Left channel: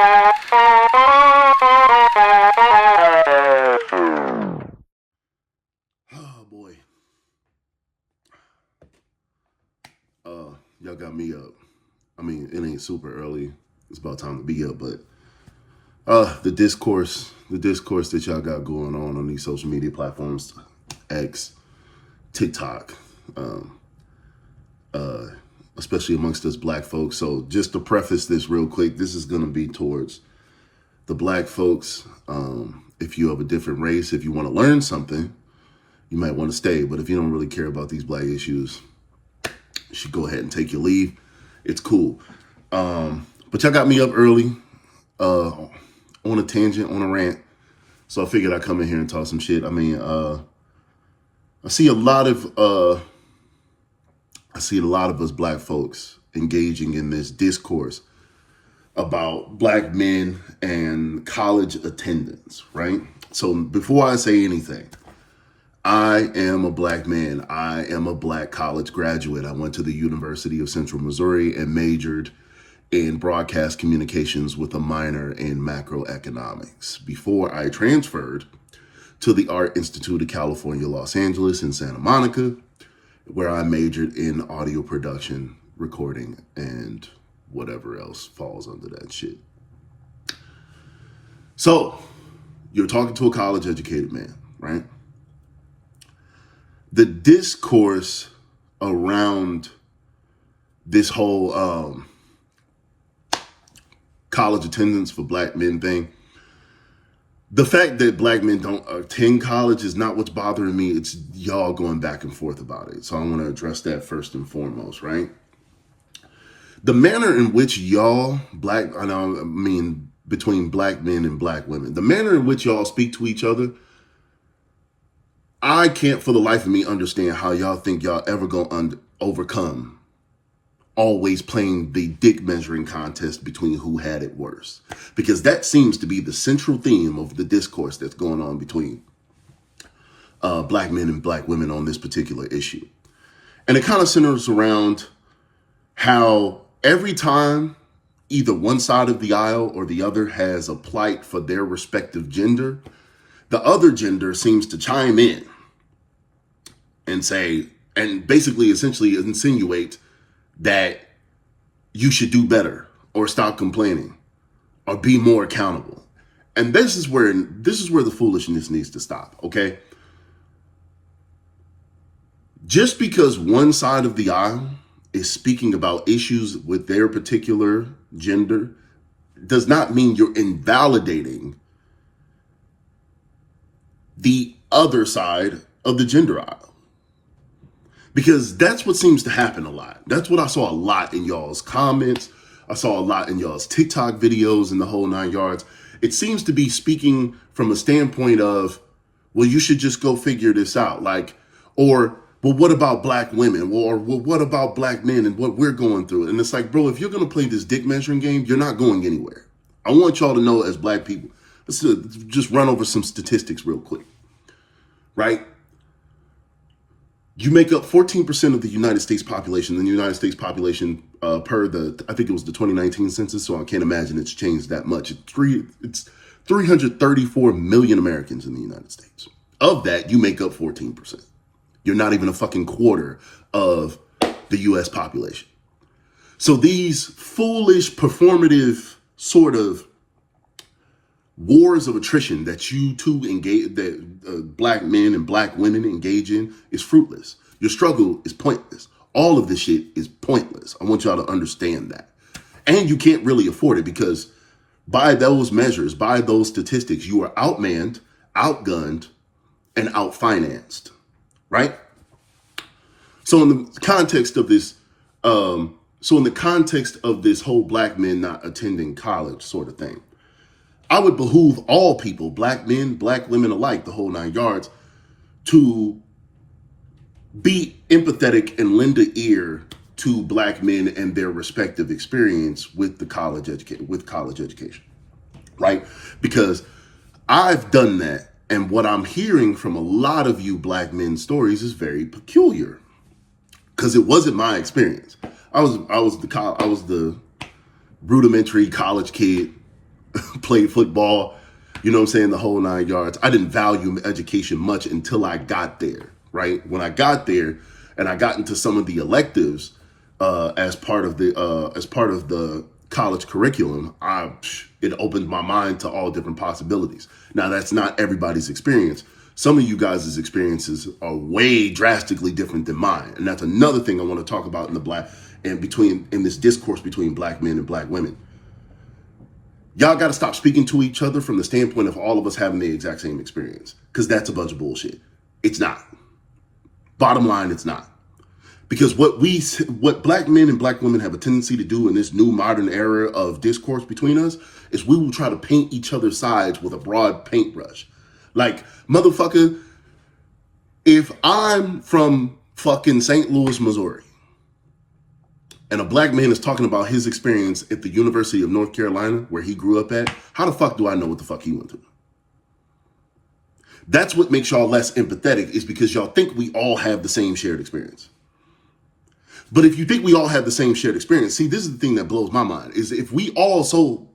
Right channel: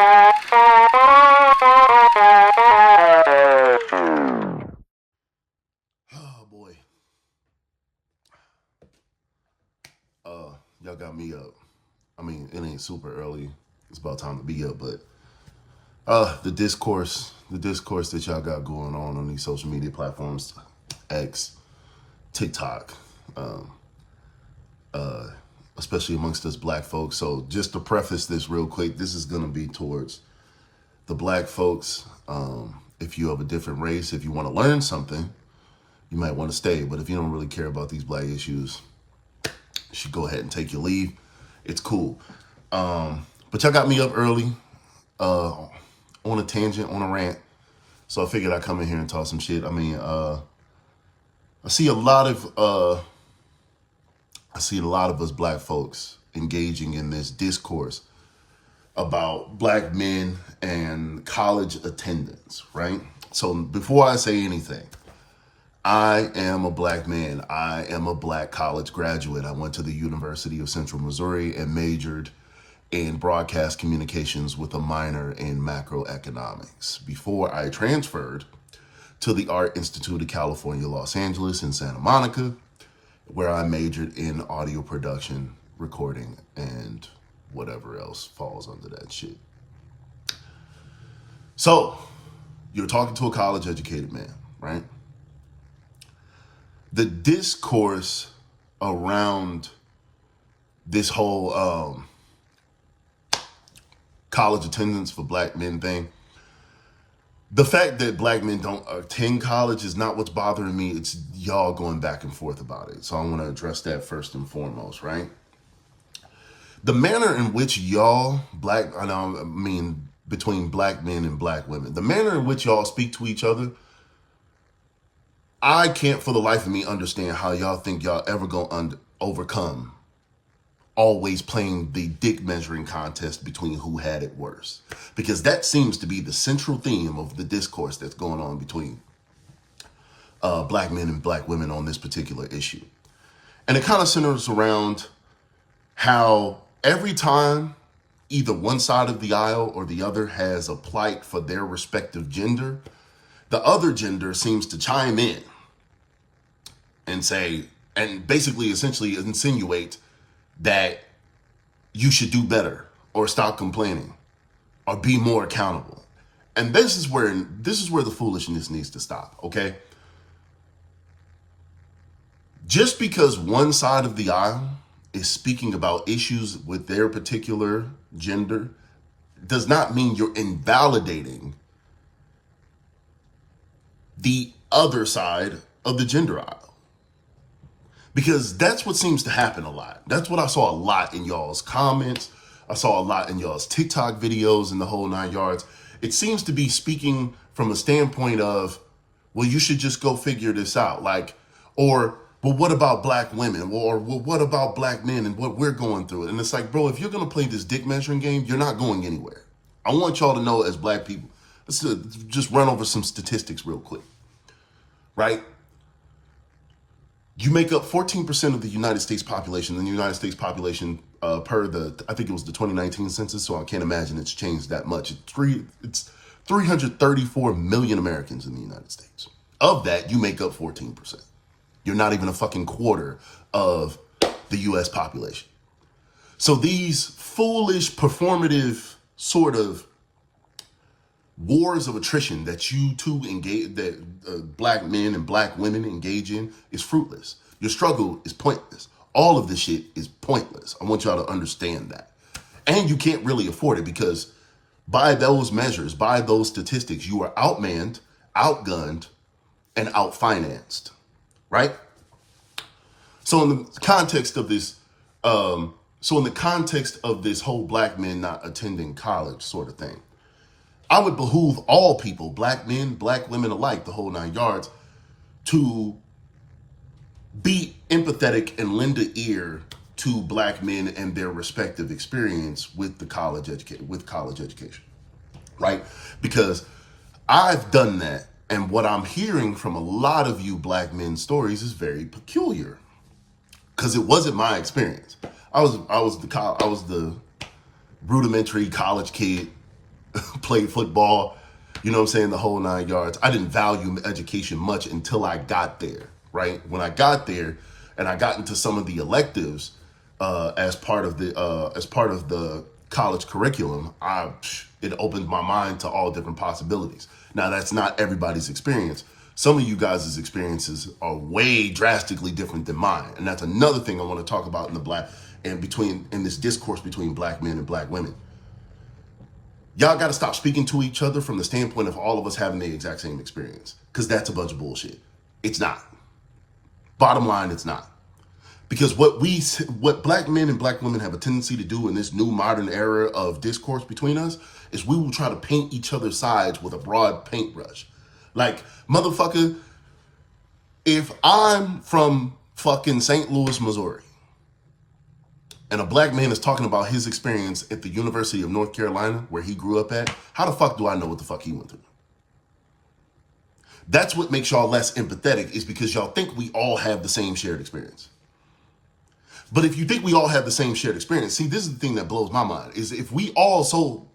Oh boy. Y'all got me up. I mean, it ain't super early. It's about time to be up, but the discourse that y'all got going on these social media platforms, X, TikTok, especially amongst us black folks. So just to preface this real quick, this is going to be towards the black folks. If you have a different race, if you want to learn something, you might want to stay. But if you don't really care about these black issues, you should go ahead and take your leave. It's cool. But y'all got me up early, on a tangent, on a rant. So I figured I'd come in here and talk some shit. I mean, I see a lot of us black folks engaging in this discourse about black men and college attendance, right? So before I say anything, I am a black man. I am a black college graduate. I went to the University of Central Missouri and majored in broadcast communications with a minor in macroeconomics before I transferred to the Art Institute of California, Los Angeles in Santa Monica, where I majored in audio production, recording, and whatever else falls under that shit. So you're talking to a college educated man, right? The discourse around this whole college attendance for black men thing, the fact that black men don't attend college is not what's bothering me. It's y'all going back and forth about it. So I want to address that first and foremost, right? The manner in which y'all, between black men and black women, the manner in which y'all speak to each other, I can't for the life of me understand how y'all think y'all ever gonna overcome always playing the dick measuring contest between who had it worse. Because that seems to be the central theme of the discourse that's going on between black men and black women on this particular issue. And it kind of centers around how every time either one side of the aisle or the other has a plight for their respective gender, the other gender seems to chime in and say, and basically essentially insinuate that you should do better or stop complaining or be more accountable. And this is where the foolishness needs to stop, okay? Just because one side of the aisle is speaking about issues with their particular gender does not mean you're invalidating the other side of the gender aisle. Because that's what seems to happen a lot. That's what I saw a lot in y'all's comments. I saw a lot in y'all's TikTok videos and the whole 9 yards. It seems to be speaking from a standpoint of, well, you should just go figure this out. Or, well, what about black women? Or, well, what about black men and what we're going through? And it's like, bro, if you're going to play this dick measuring game, you're not going anywhere. I want y'all to know as black people, let's just run over some statistics real quick, right? You make up 14% of the United States population. The United States population, I think it was the 2019 census, so I can't imagine it's changed that much. It's 334 million Americans in the United States. Of that, you make up 14%. You're not even a fucking quarter of the US population. So these foolish, performative sort of wars of attrition that you two engage, that black men and black women engage in, is fruitless. Your struggle is pointless. All of this shit is pointless. I want y'all to understand that. And you can't really afford it because by those measures, by those statistics, you are outmanned, outgunned, and outfinanced, right? So in the context of this, whole black men not attending college sort of thing, I would behoove all people, black men, black women alike, the whole 9 yards, to be empathetic and lend an ear to black men and their respective experience with college education, right? Because I've done that, and what I'm hearing from a lot of you black men's stories is very peculiar, because it wasn't my experience. I was the rudimentary college kid played football, you know what I'm saying, the whole 9 yards. I didn't value education much until I got there, right? When I got there and I got into some of the electives as part of the college curriculum, it opened my mind to all different possibilities. Now, that's not everybody's experience. Some of you guys' experiences are way drastically different than mine. And that's another thing I want to talk about in this discourse between black men and black women. Y'all got to stop speaking to each other from the standpoint of all of us having the exact same experience, because that's a bunch of bullshit. It's not. Bottom line, it's not. Because what black men and black women have a tendency to do in this new modern era of discourse between us is we will try to paint each other's sides with a broad paintbrush. Like, motherfucker, if I'm from fucking St. Louis, Missouri, and a black man is talking about his experience at the University of North Carolina, where he grew up at, how the fuck do I know what the fuck he went through? That's what makes y'all less empathetic, is because y'all think we all have the same shared experience. But if you think we all have the same shared experience, see, this is the thing that blows my mind, is if we all so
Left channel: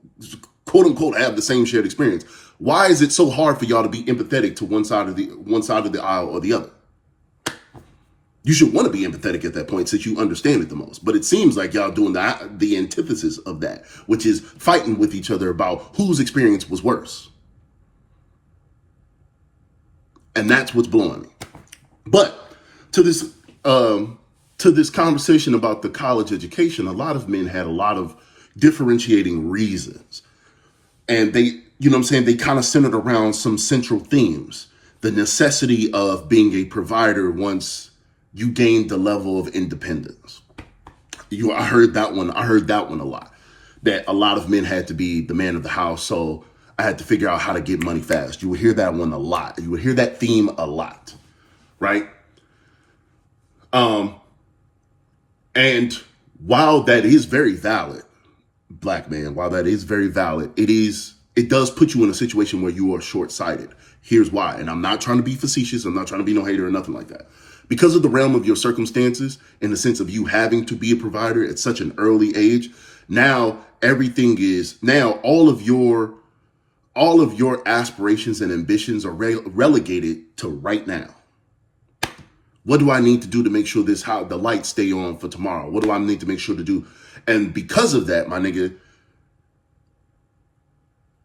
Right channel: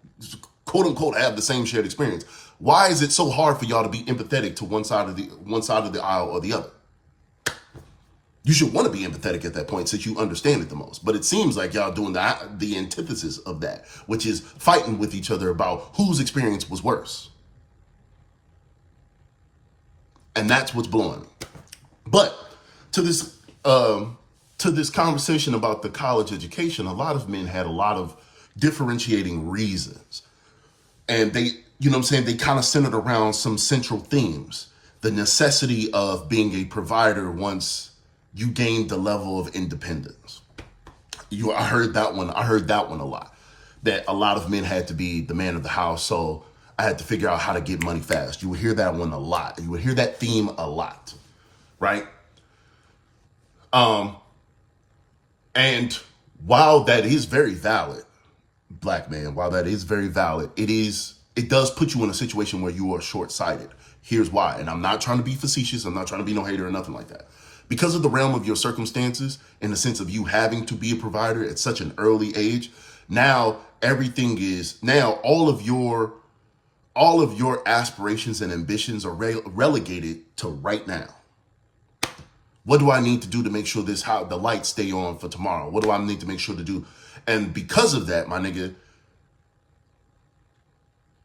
quote unquote have the same shared experience, why is it so hard for y'all to be empathetic to one side of the aisle or the other? You should want to be empathetic at that point since you understand it the most. But it seems like y'all doing the antithesis of that, which is fighting with each other about whose experience was worse. And that's what's blowing me. But to this conversation about the college education, a lot of men had a lot of differentiating reasons. And they, you know what I'm saying, they kind of centered around some central themes. The necessity of being a provider once you gained the level of independence. I heard that one a lot. That a lot of men had to be the man of the house, so I had to figure out how to get money fast. You would hear that one a lot. You would hear that theme a lot, right? And while that is very valid, black man, while that is very valid, it does put you in a situation where you are short-sighted. Here's why. And I'm not trying to be facetious. I'm not trying to be no hater or nothing like that. Because of the realm of your circumstances, in the sense of you having to be a provider at such an early age, now all of your aspirations and ambitions are relegated to right now. What do I need to do to make sure the lights stay on for tomorrow? What do I need to make sure to do? And because of that, my nigga,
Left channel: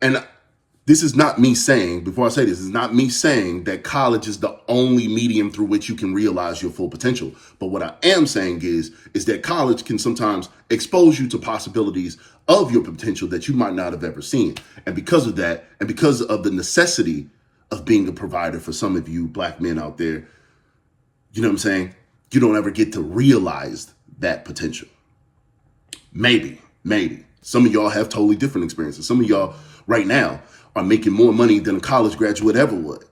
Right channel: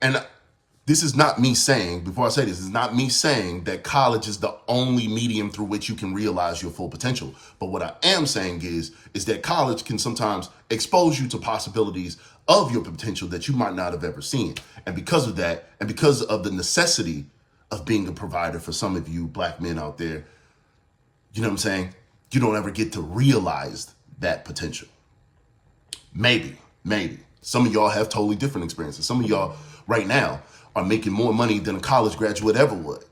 and this is not me saying, before I say this, is not me saying that college is the only medium through which you can realize your full potential. But what I am saying is that college can sometimes expose you to possibilities of your potential that you might not have ever seen. And because of that, and because of the necessity of being a provider for some of you black men out there, you know what I'm saying? You don't ever get to realize that potential. Maybe. Some of y'all have totally different experiences. Some of y'all right now are making more money than a college graduate ever would.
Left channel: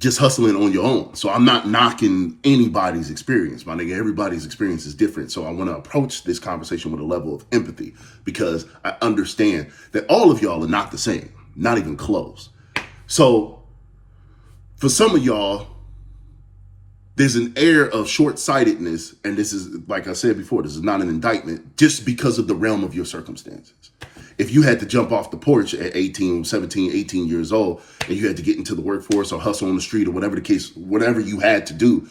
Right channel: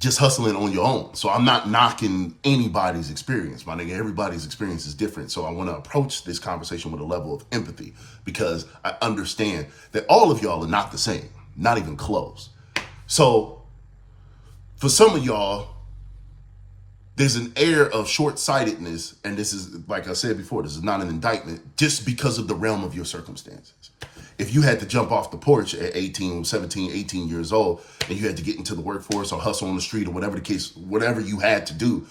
Just hustling on your own. So I'm not knocking anybody's experience, my nigga. Everybody's experience is different. So I want to approach this conversation with a level of empathy, because I understand that all of y'all are not the same, not even close. So for some of y'all, there's an air of short-sightedness, and this is, like I said before, this is not an indictment, just because of the realm of your circumstances. If you had to jump off the porch at 17, 18 years old, and you had to get into the workforce or hustle on the street or whatever the case, whatever you had to do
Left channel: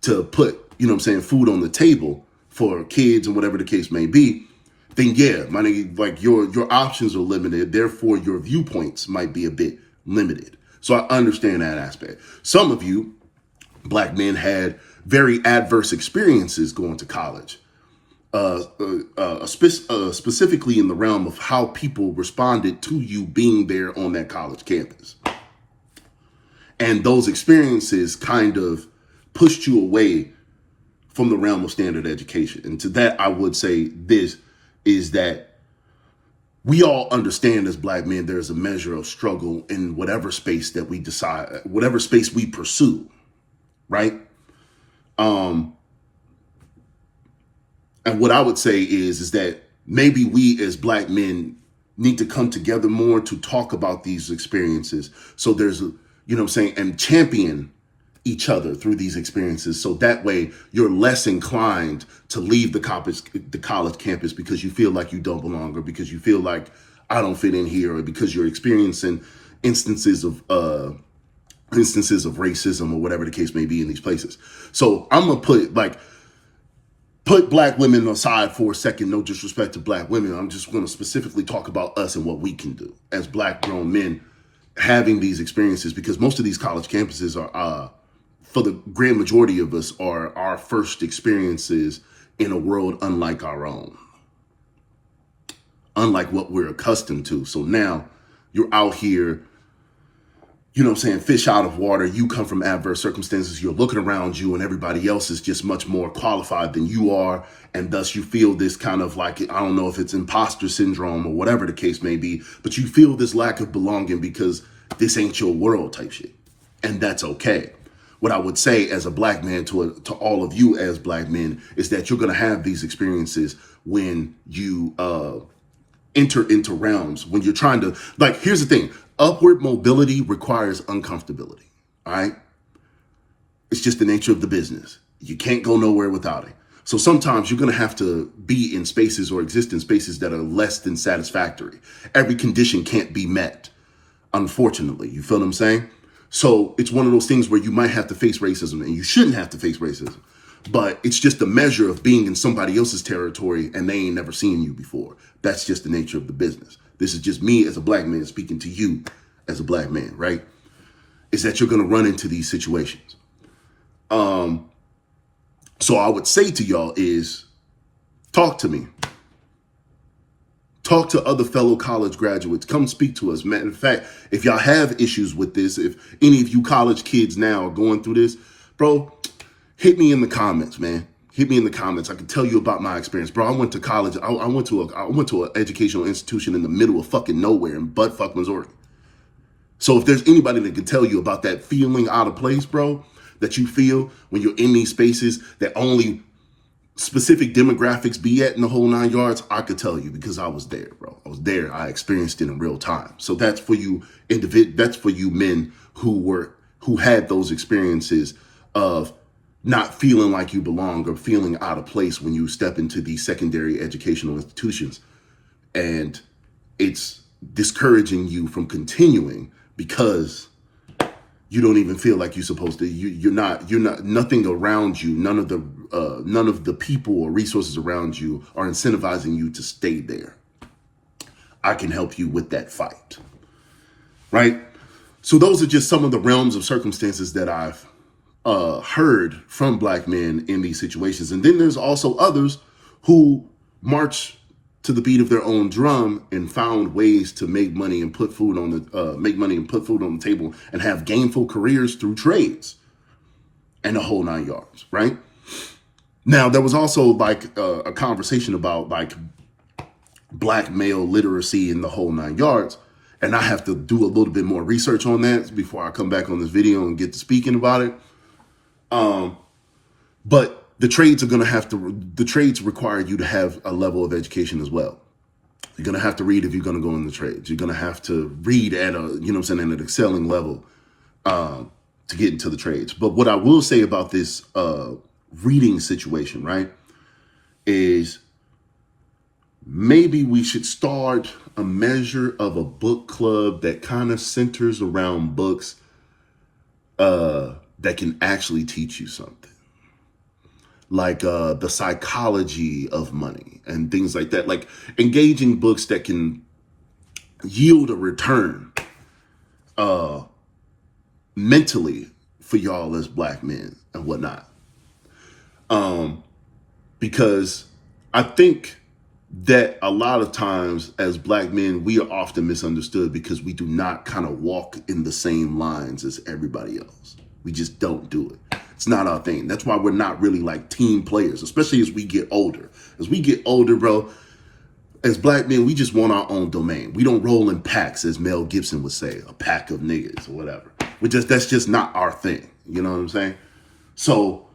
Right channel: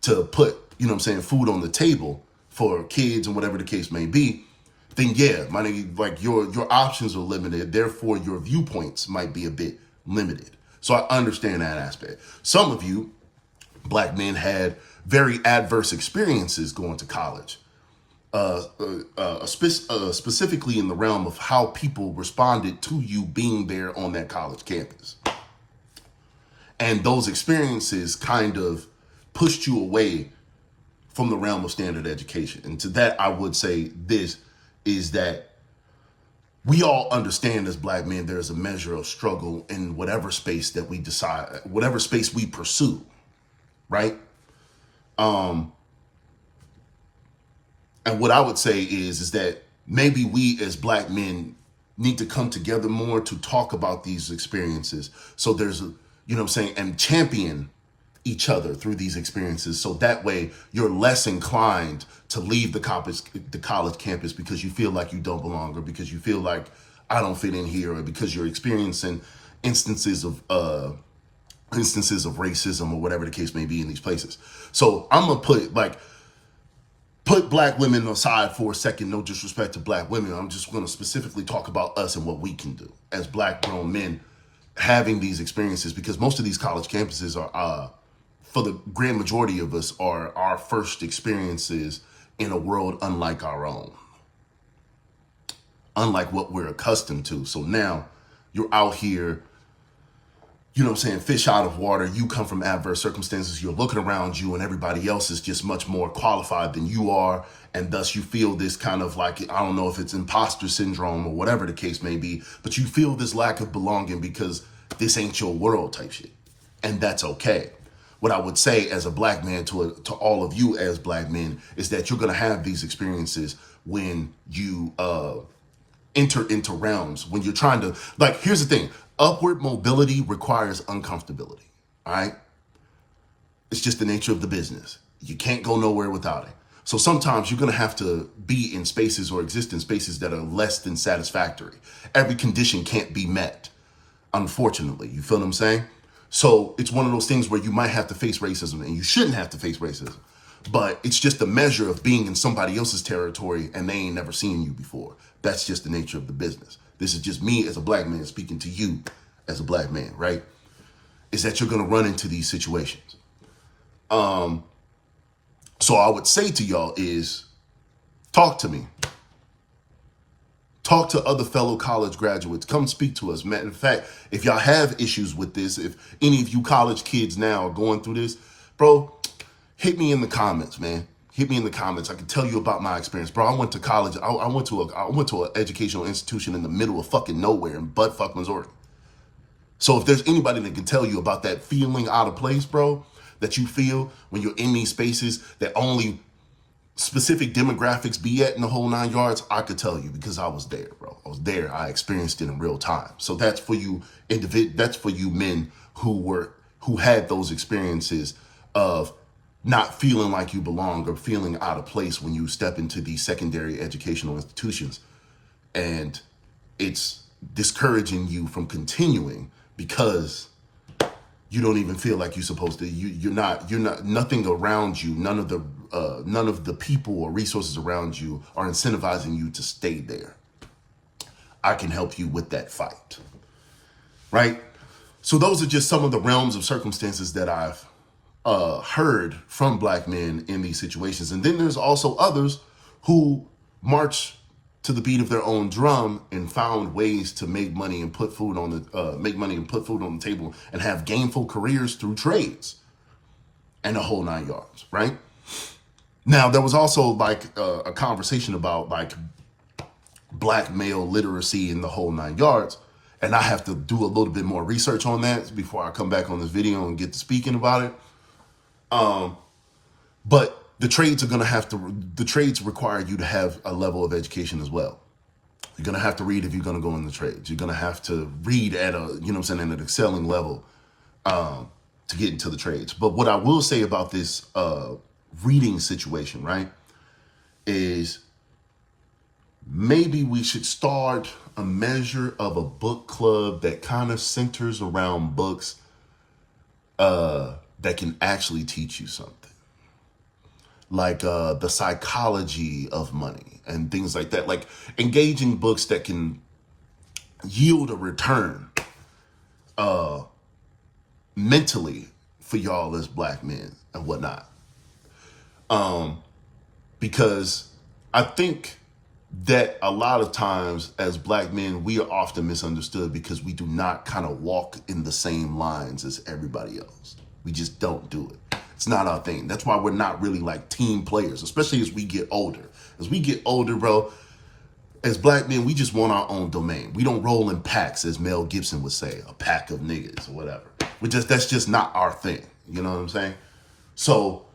to put, you know what I'm saying, food on the table for kids and whatever the case may be, then yeah, my nigga, like your options are limited. Therefore, your viewpoints might be a bit limited. So I understand that aspect. Some of you black men had very adverse experiences going to college. Specifically in the realm of how people responded to you being there on that college campus. And those experiences kind of pushed you away from the realm of standard education. And to that, I would say this is that we all understand as black men, there's a measure of struggle in whatever space that we decide, whatever space we pursue, right? And what I would say is that maybe we as black men need to come together more to talk about these experiences. So there's, you know what I'm saying, and champion each other through these experiences. So that way you're less inclined to leave the college campus because you feel like you don't belong, or because you feel like I don't fit in here, or because you're experiencing instances of racism or whatever the case may be in these places. So I'm gonna put black women aside for a second. No disrespect to black women. I'm just gonna specifically talk about us and what we can do as black grown men having these experiences, because most of these college campuses are, for the grand majority of us, are our first experiences in a world unlike our own, unlike what we're accustomed to. So now you're out here, you know what I'm saying, fish out of water. You come from adverse circumstances. You're looking around you and everybody else is just much more qualified than you are. And thus you feel this kind of like, I don't know if it's imposter syndrome or whatever the case may be, but you feel this lack of belonging because this ain't your world type shit. And that's okay. What I would say as a black man to all of you as black men is that you're going to have these experiences when you enter into realms, when you're trying to, like, here's the thing. Upward mobility requires uncomfortability. All right. It's just the nature of the business. You can't go nowhere without it. So sometimes you're going to have to be in spaces or exist in spaces that are less than satisfactory. Every condition can't be met, unfortunately. You feel what I'm saying? So it's one of those things where you might have to face racism, and you shouldn't have to face racism, but it's just a measure of being in somebody else's territory and they ain't never seen you before. That's just the nature of the business. This is just me as a black man speaking to you as a black man, right? Is that you're going to run into these situations. So I would say to y'all is talk to me. Talk to other fellow college graduates. Come speak to us. Matter of fact, if y'all have issues with this, if any of you college kids now are going through this, bro, hit me in the comments, man. Hit me in the comments. I can tell you about my experience, bro. I went to college. I went to an educational institution in the middle of fucking nowhere in buttfuck Missouri. So if there's anybody that can tell you about that feeling out of place, bro, that you feel when you're in these spaces that only specific demographics be at in the whole 9 yards, I could tell you, because I was there, bro. I was there. I experienced it in real time. So that's for you that's for you men who had those experiences of not feeling like you belong or feeling out of place when you step into these secondary educational institutions. And it's discouraging you from continuing because you don't even feel like you're supposed to. You're not. Nothing around you. None of the people or resources around you are incentivizing you to stay there. I can help you with that fight, right? So those are just some of the realms of circumstances that I've heard from black men in these situations, and then there's also others who march to the beat of their own drum and found ways to make money and put food on the table and have gainful careers through trades and the whole 9 yards, right? Now, there was also like a conversation about like black male literacy in the whole 9 yards. And I have to do a little bit more research on that before I come back on this video and get to speaking about it. But the trades require you to have a level of education as well. You're going to have to read if you're going to go in the trades. You're going to have to read at at an excelling level to get into the trades. But what I will say about this reading situation, right, is maybe we should start a measure of a book club that kind of centers around books that can actually teach you something. Like the psychology of money and things like that. Like engaging books that can yield a return mentally for y'all as black men and whatnot. Because I think that a lot of times as black men, we are often misunderstood because we do not kind of walk in the same lines as everybody else. We just don't do it. It's not our thing. That's why we're not really like team players, especially as we get older. As we get older, bro, as black men, we just want our own domain. We don't roll in packs, as Mel Gibson would say, a pack of niggas or whatever. That's just not our thing. You know what I'm saying? So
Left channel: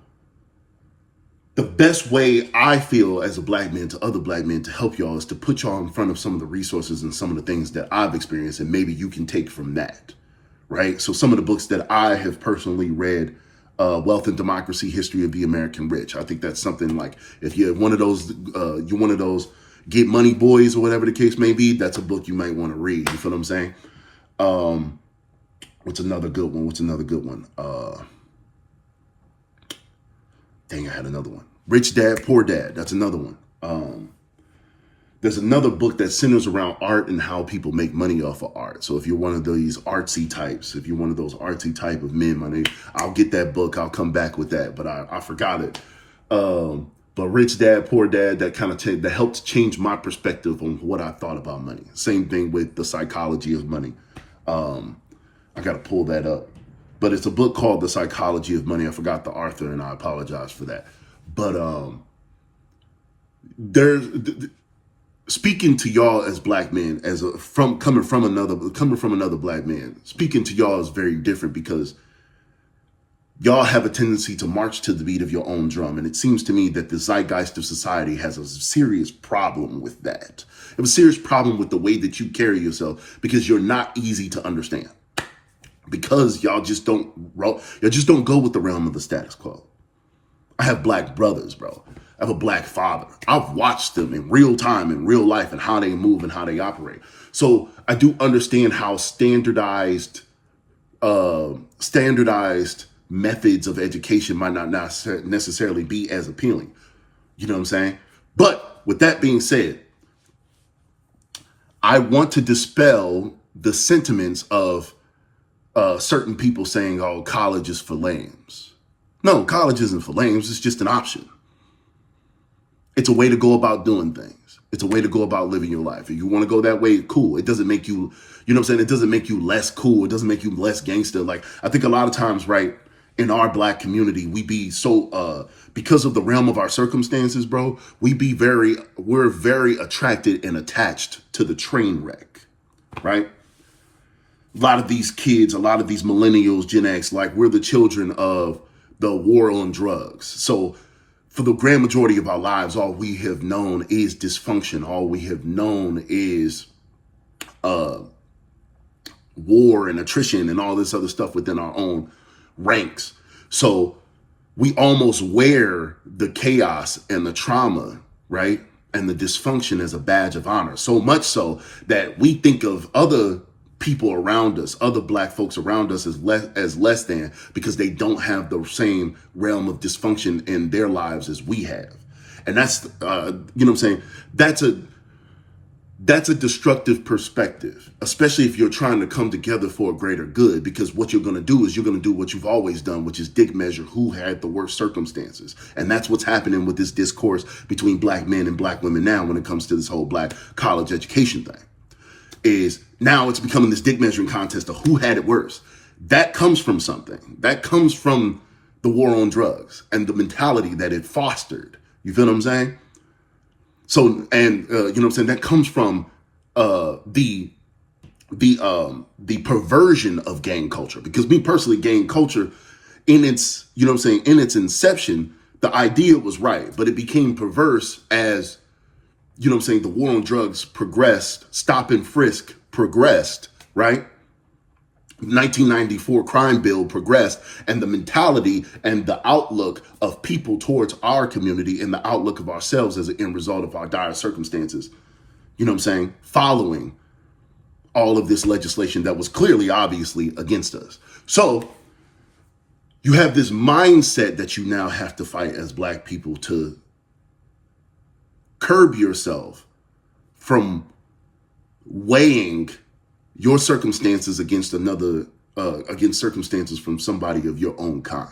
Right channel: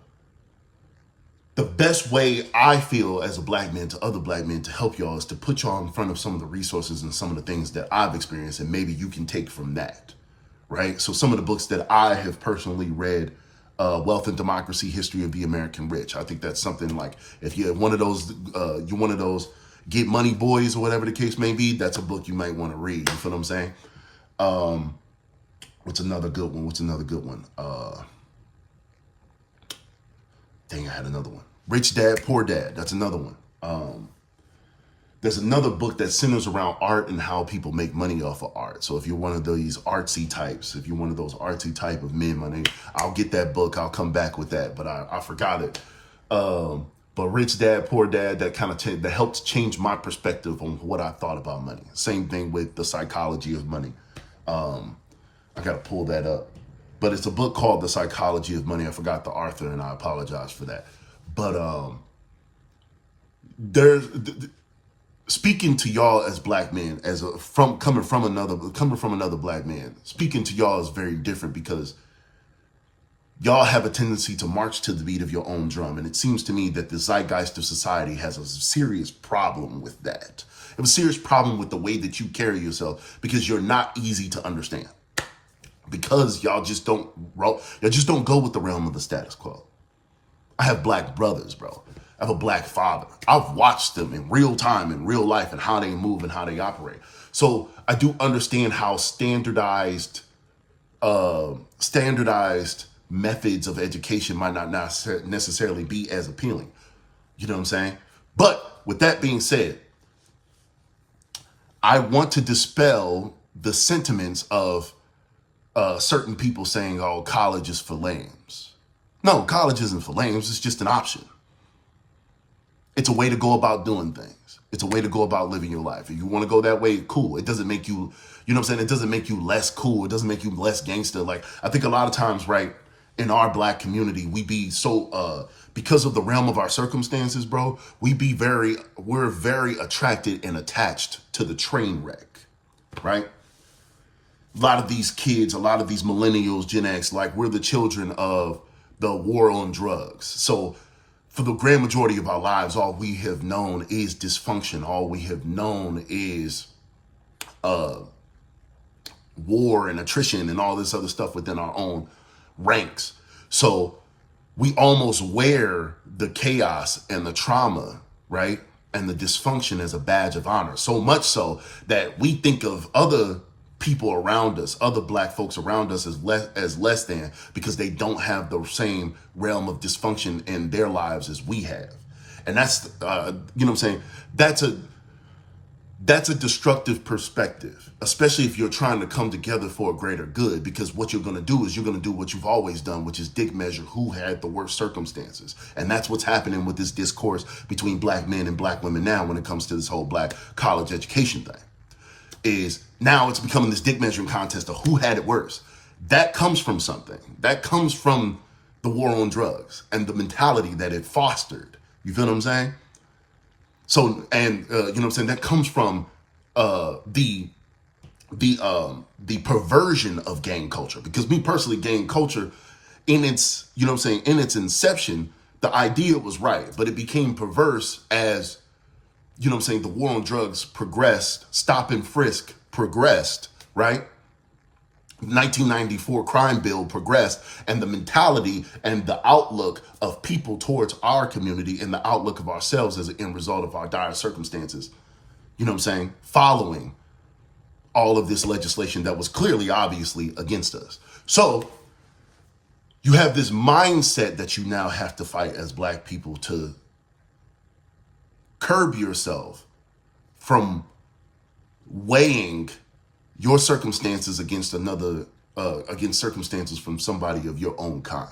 the best way I feel as a black man to other black men to help y'all is to put y'all in front of some of the resources and some of the things that I've experienced, and maybe you can take from that, right? So some of the books that I have personally read Wealth and Democracy, History of the American Rich. I think that's something like, if you're one of those get money boys or whatever the case may be, that's a book you might want to read. You feel what I'm saying? What's another good one? Dang, I had another one. Rich Dad, Poor Dad. That's another one. There's another book that centers around art and how people make money off of art. So if you're one of these artsy types, if you're one of those artsy type of men, I'll get that book. I'll come back with that, but I forgot it. But Rich Dad, Poor Dad, that kind of that helped change my perspective on what I thought about money. Same thing with The Psychology of Money. I got to pull that up. But it's a book called The Psychology of Money. I forgot the author, and I apologize for that. But speaking to y'all as black men, coming from another black man, speaking to y'all is very different, because y'all have a tendency to march to the beat of your own drum. And it seems to me that the zeitgeist of society has a serious problem with that. It has a serious problem with the way that you carry yourself, because you're not easy to understand. Because y'all just don't go with the realm of the status quo. I have black brothers, bro. I have a black father. I've watched them in real time, in real life, and how they move and how they operate. So I do understand how standardized methods of education might not necessarily be as appealing. You know what I'm saying? But with that being said, I want to dispel the sentiments of certain people saying, oh, college is for lames. No, college isn't for lames. It's just an option. It's a way to go about doing things. It's a way to go about living your life. If you want to go that way, cool. It doesn't make you, you know what I'm saying? It doesn't make you less cool. It doesn't make you less gangster. Like, I think a lot of times, right, in our black community, we be so, because of the realm of our circumstances, bro, we're very attracted and attached to the train wreck, right? A lot of these kids, a lot of these millennials, Gen X, like, we're the children of the war on drugs. So for the grand majority of our lives, all we have known is dysfunction. All we have known is war and attrition and all this other stuff within our own ranks. So we almost wear the chaos and the trauma, right, and the dysfunction as a badge of honor. So much so that we think of other people around us, other black folks around us, as less than, because they don't have the same realm of dysfunction in their lives as we have. And that's, you know what I'm saying? That's a destructive perspective, especially if you're trying to come together for a greater good, because what you're going to do is you're going to do what you've always done, which is dick measure who had the worst circumstances. And that's what's happening with this discourse between black men and black women now when it comes to this whole black college education thing. Is now it's becoming this dick measuring contest of who had it worse. That comes from something. That comes from the war on drugs and the mentality that it fostered. You feel what I'm saying? So, and you know what I'm saying? That comes from the perversion of gang culture. Because me personally, gang culture in its, you know what I'm saying, in its inception, the idea was right, but it became perverse as, you know what I'm saying, the war on drugs progressed, stop and frisk progressed, right? 1994 crime bill progressed, and the mentality and the outlook of people towards our community and the outlook of ourselves as an end result of our dire circumstances, you know what I'm saying, following all of this legislation that was clearly, obviously against us. So you have this mindset that you now have to fight as black people to curb yourself from weighing your circumstances against against circumstances from somebody of your own kind.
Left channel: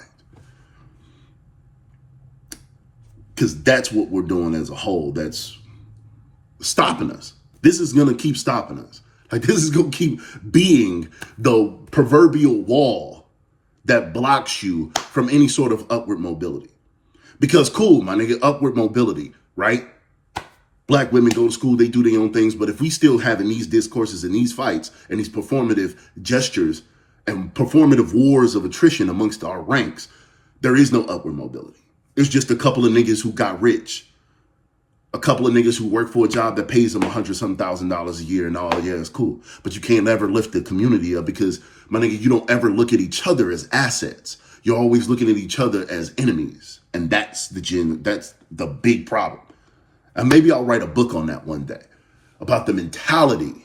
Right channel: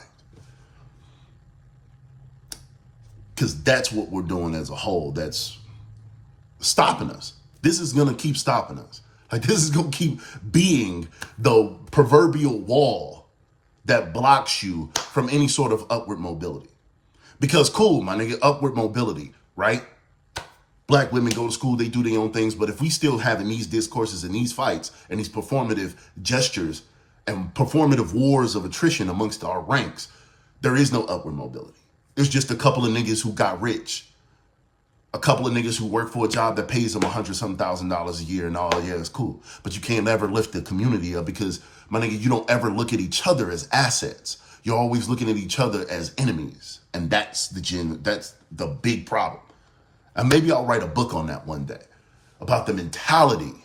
Because that's what we're doing as a whole. That's stopping us. This is going to keep stopping us. Like, this is going to keep being the proverbial wall that blocks you from any sort of upward mobility. Because cool, my nigga, upward mobility, right? Black women go to school, they do their own things. But if we still having these discourses and these fights and these performative gestures and performative wars of attrition amongst our ranks, there is no upward mobility. It's just a couple of niggas who got rich. A couple of niggas who work for a job that pays them $100,000 a year and all, yeah, it's cool. But you can't ever lift the community up because, my nigga, you don't ever look at each other as assets. You're always looking at each other as enemies. And that's the big problem. And maybe I'll write a book on that one day about the mentality,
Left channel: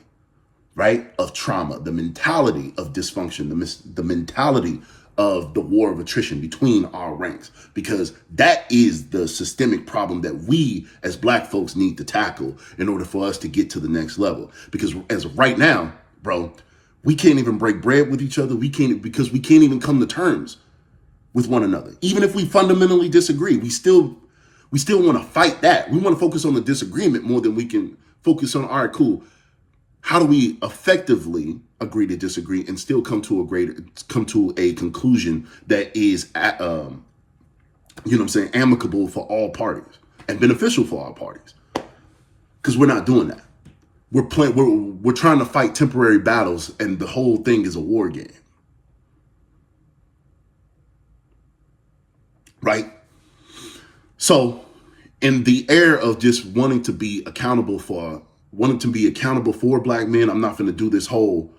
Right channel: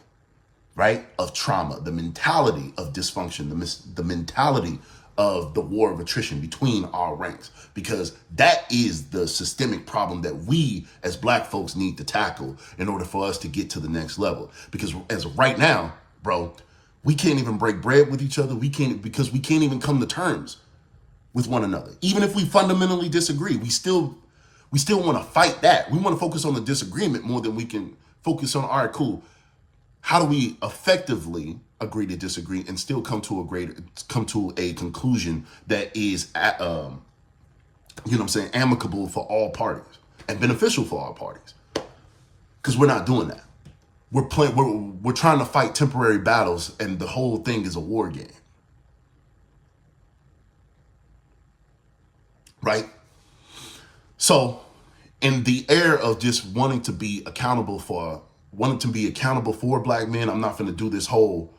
right, of trauma, the mentality of dysfunction, the mentality of the war of attrition between our ranks, because that is the systemic problem that we as Black folks need to tackle in order for us to get to the next level. Because as of right now, bro, we can't even break bread with each other. Because we can't even come to terms with one another. Even if we fundamentally disagree, we still want to fight that. We want to focus on the disagreement more than we can focus on, all right, cool, how do we effectively agree to disagree and still come to a conclusion that is, amicable for all parties and beneficial for all parties? Because we're not doing that. We're trying to fight temporary battles, and the whole thing is a war game, right? So, in the air of just wanting to be accountable for Black men, I'm not going to do this whole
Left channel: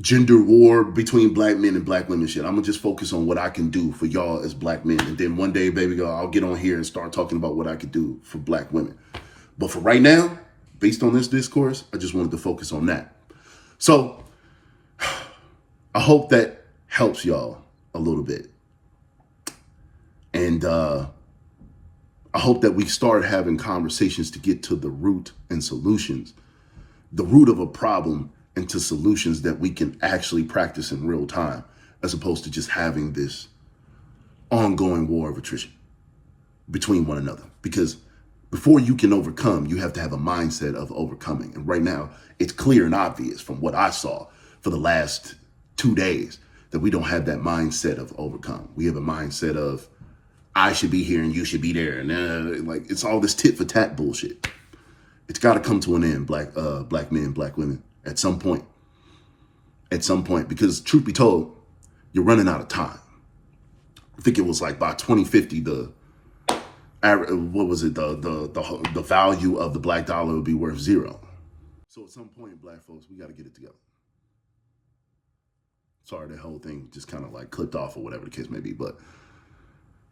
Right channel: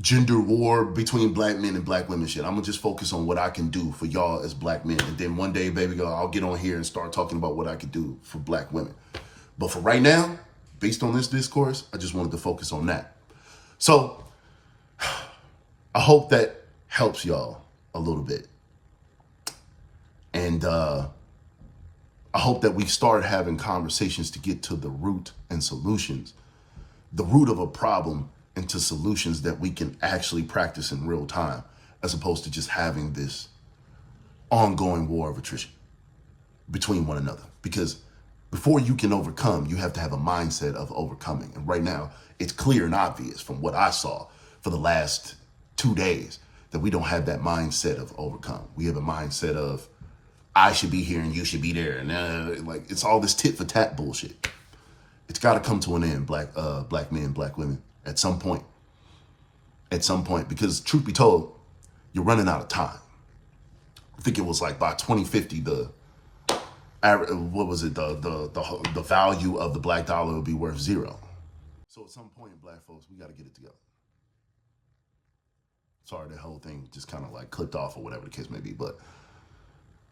gender war between Black men and Black women shit. I'm gonna just focus on what I can do for y'all as Black men, and then one day, baby girl, I'll get on here and start talking about what I could do for Black women. But for right now, based on this discourse, I just wanted to focus on that. So I hope that helps y'all a little bit, and I hope that we start having conversations to get to the root and solutions, the root of a problem, into solutions that we can actually practice in real time, as opposed to just having this ongoing war of attrition between one another. Because before you can overcome, you have to have a mindset of overcoming. And right now, it's clear and obvious from what I saw for the last 2 days that we don't have that mindset of overcome. We have a mindset of, I should be here and you should be there. And like, it's all this tit for tat bullshit. It's got to come to an end, Black men, Black women, at some point. At some point, because truth be told, you're running out of time. I think it was like by 2050, the value of the Black dollar would be worth $0. So at some point, Black folks, we got to get it together. Sorry, that whole thing just kind of like clipped off or whatever the case may be, but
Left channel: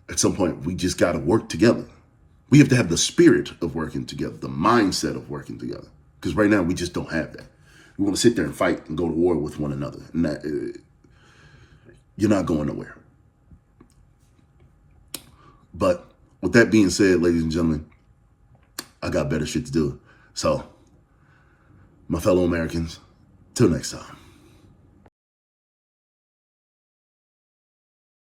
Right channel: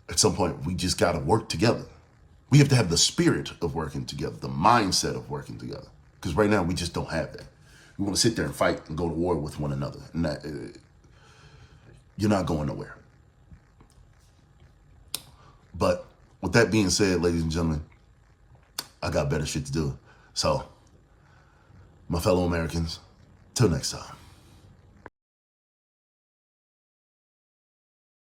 at some point, we just got to work together. We have to have the spirit of working together, the mindset of working together. Because right now, we just don't have that. We want to sit there and fight and go to war with one another. And that, you're not going nowhere. But with that being said, ladies and gentlemen, I got better shit to do. So, my fellow Americans, till next time.